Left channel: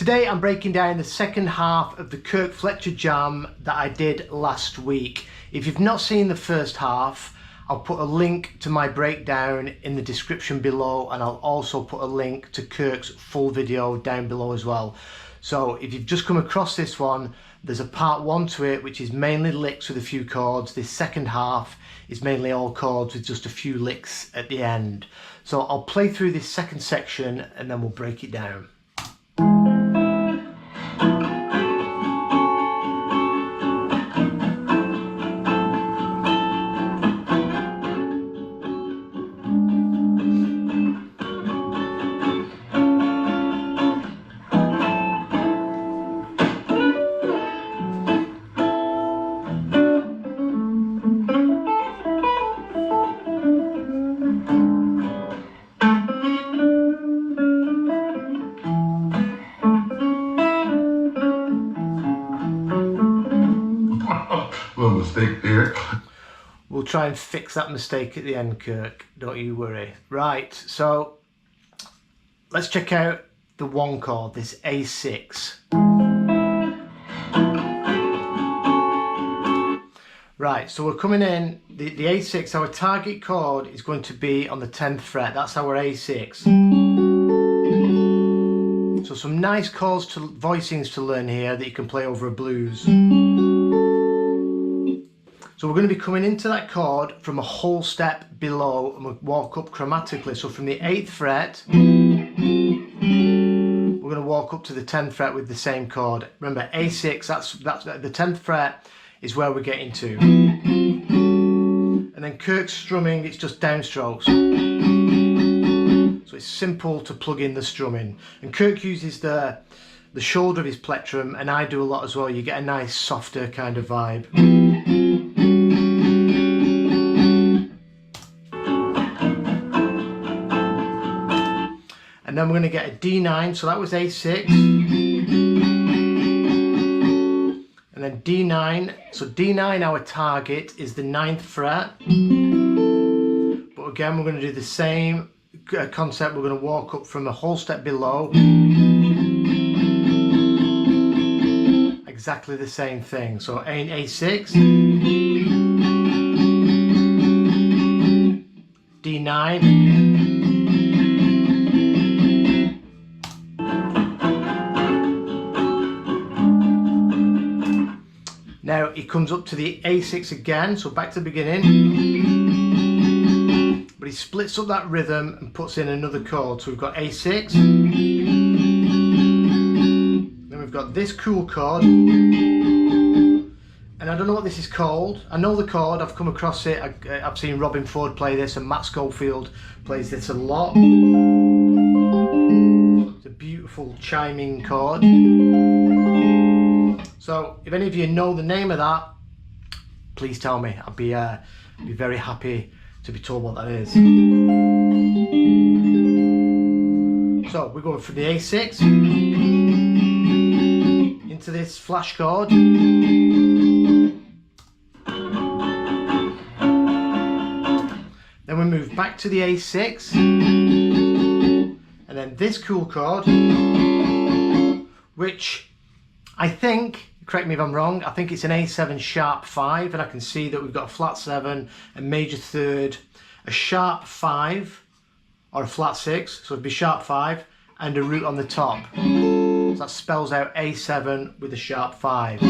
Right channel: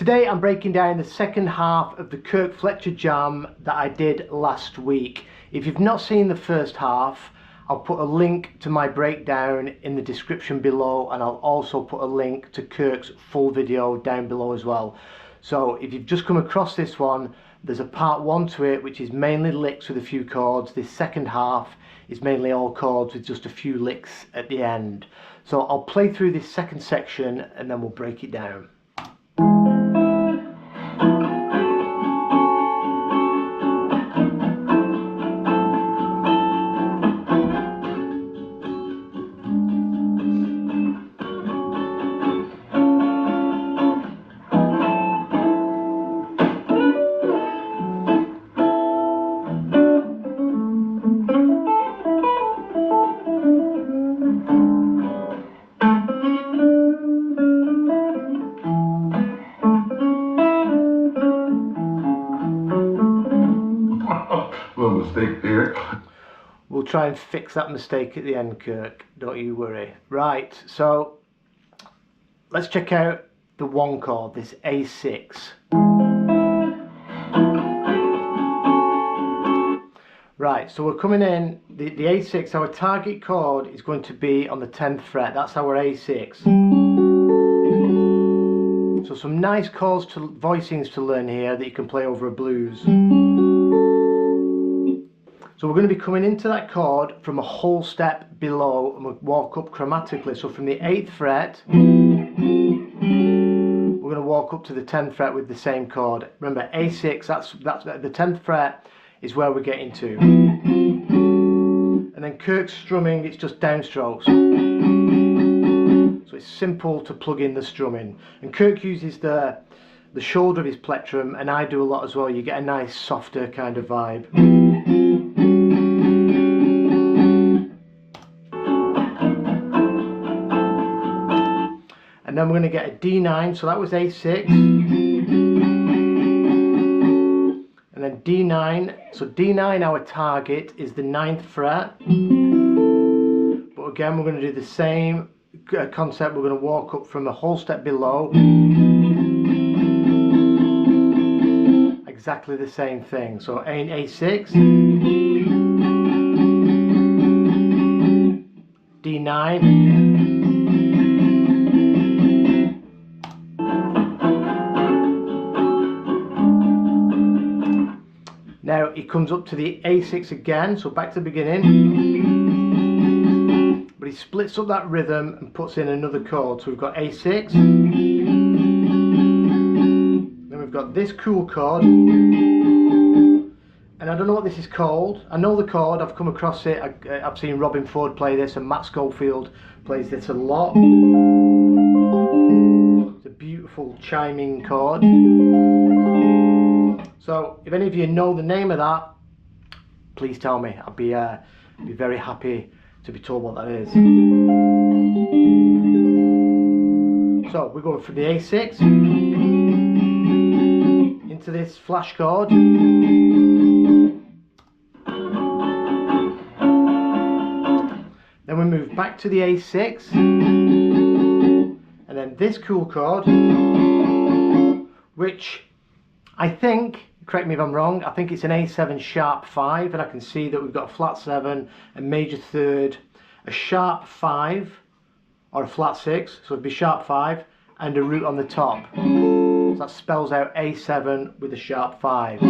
Today I'm breaking down the second half of the Kirk Fletcher jam that I did last week. If you've not seen the first half, I'll put a link to my breakdown in the description below, and I'll also put a link to Kirk's full video down below as well. So if you've just come across this one, there's a part one to it which is mainly licks with a few chords. This second half is mainly all chords with just a few licks at the end. So I'll play through this second section and then we'll break it down. Little mistake there. We'll try and fix that mistake at the end, Kirk. Don't you worry. Right, so let's check out the one chord, this A6. Right, so we're coming in, the A6, our target chord is going to be on the 10th fret. That's our A6. So some nice chords voicings to learn here that you can play over a blues. So we're going to be coming into that chord from a whole step below, and we'll walk up chromatically. So from the 8th fret, we're going to walk up to the 10th fret with the same chord. Remember, A6, that's the 10th fret is where we're getting to. And then Kirk's strumming, it's just downstrokes. So it's simple to plug in the strumming. And Kirk uses the shoulder of his plectrum, and I do a lot as well. You get a nice softer kind of vibe. And then we're going to get a D9, so that was A6. And then D9, so D9, our target is the 9th fret. But again, we're going to do the same concept. We're going to walk up from a whole step below. Exactly the same thing. So A6, D9. Now he comes up to the A6 again, so back to the beginning. But he splits up that rhythm and puts in another chord. So we've got A6. Then we've got this cool chord. And I don't know what this is called. I know the chord, I've come across it. I've seen Robin Ford play this, and Matt Schofield plays this a lot. It's a beautiful chiming chord. So if any of you know the name of that, please tell me. I'll be very happy to be told what that is. So we're going from the A6 into this flash chord. Then we move back to the A6, and then this cool chord, which I think, correct me if I'm wrong, I think it's an A7 sharp 5, and I can see that we've got a flat 7, a major third, a sharp 5, or a flat 6, so it'd be sharp 5, and a root on the top. So that spells out A7 with a sharp 5.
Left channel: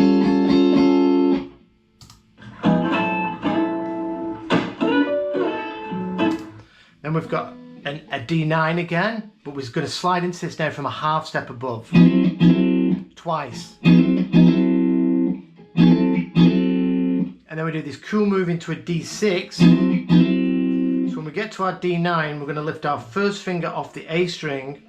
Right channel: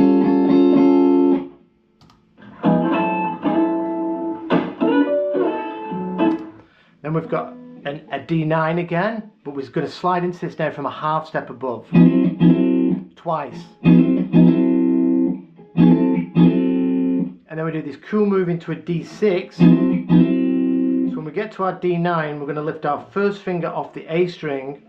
Then we've got a D9 again, but we're going to slide into this now from a half step above. Twice. And then we do this cool move into a D6. So when we get to our D9, we're going to lift our first finger off the A string,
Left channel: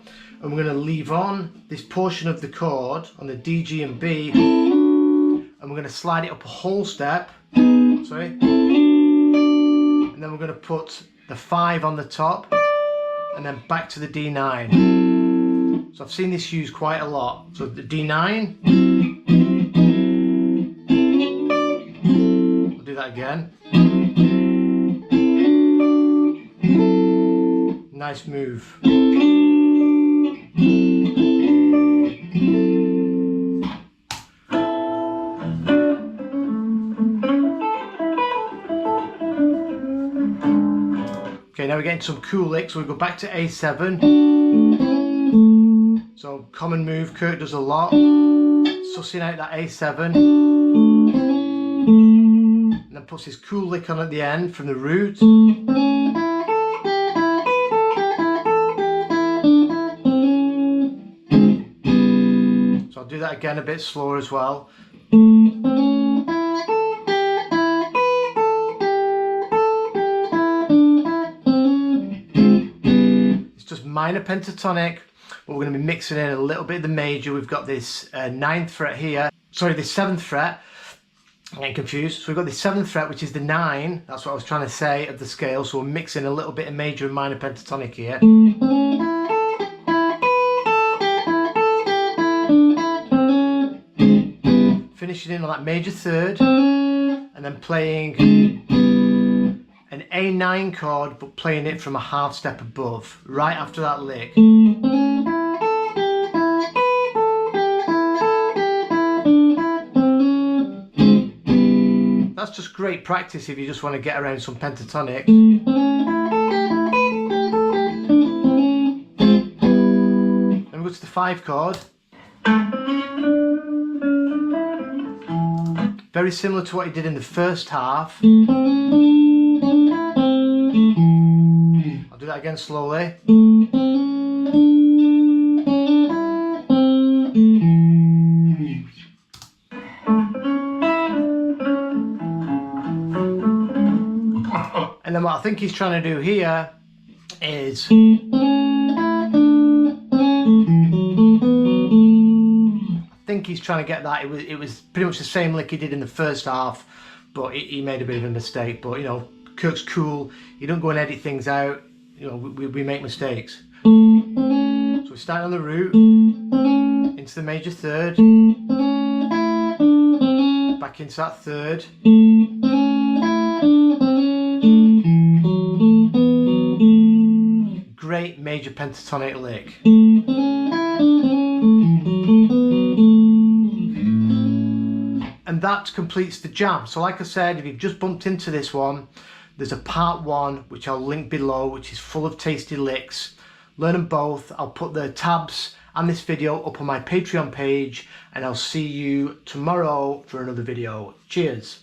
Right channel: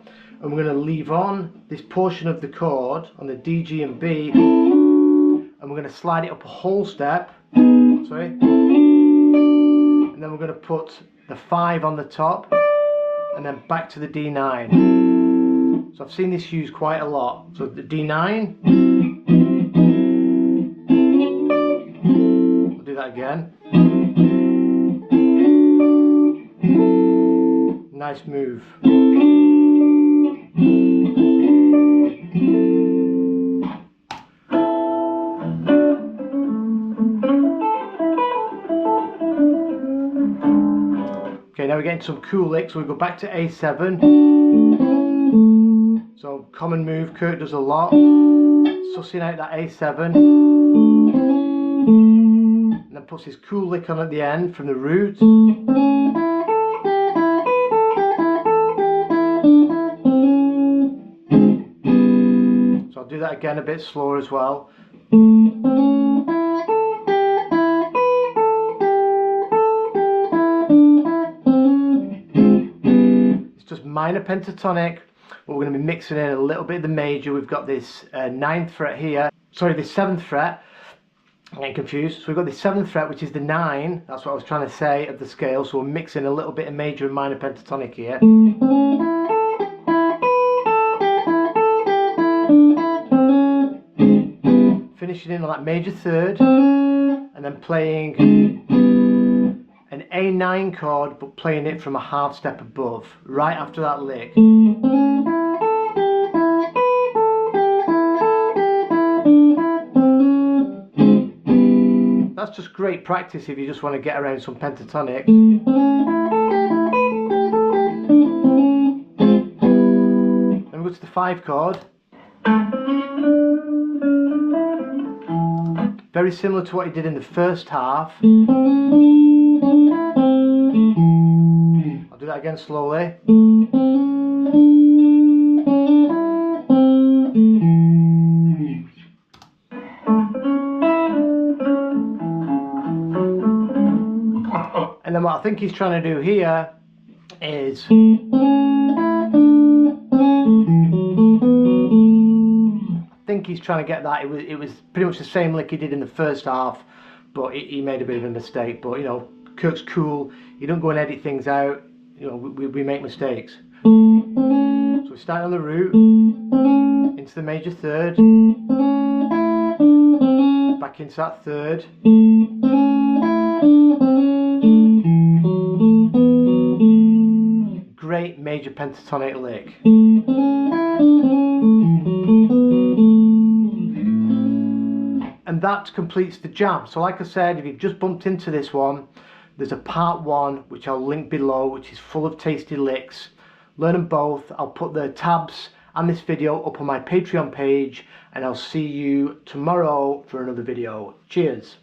and we're going to leave on this portion of the chord on the D, G and B, and we're going to slide it up a whole step. Sorry. And then we're going to put the 5 on the top, and then back to the D9. So I've seen this used quite a lot. So the D9, I'll do that again. Nice move. we're getting some cool licks. So we go back to A7. So common move Kirk does a lot. Sussing out that A7. And then puts his cool lick on at the end from the root. So I'll do that again a bit slower as well. It's just minor pentatonic, but we're going to be mixing in a little bit of the major. We've got this 9th fret here, sorry, the 7th fret. I'm getting confused. So we've got the 7th fret, which is the 9, that's what I was trying to say, of the scale. So we're mixing a little bit of major and minor pentatonic here. Finishing in on that major 3rd, and then playing an A9 chord, but playing it from a half step above, right after that lick. That's just great practice if you just want to get around some pentatonic. Then we go to the 5 chord. Very similar to what he did in the first half. I'll do that again slowly. And then what I think he's trying to do here is he's trying to get that. It was pretty much the same lick he did in the first half, but he made a bit of a mistake. But you know, Kirk's cool. He don't go and edit things out. You know, we make mistakes. So we start on the root, into the major 3rd, back into that 3rd. Great major pentatonic lick. And that completes the jam. So like I said, if you've just bumped into this one, there's a part 1 which I'll link below, which is full of tasty licks. Learn them both. I'll put the tabs and this video up on my Patreon page, and I'll see you tomorrow for another video. Cheers.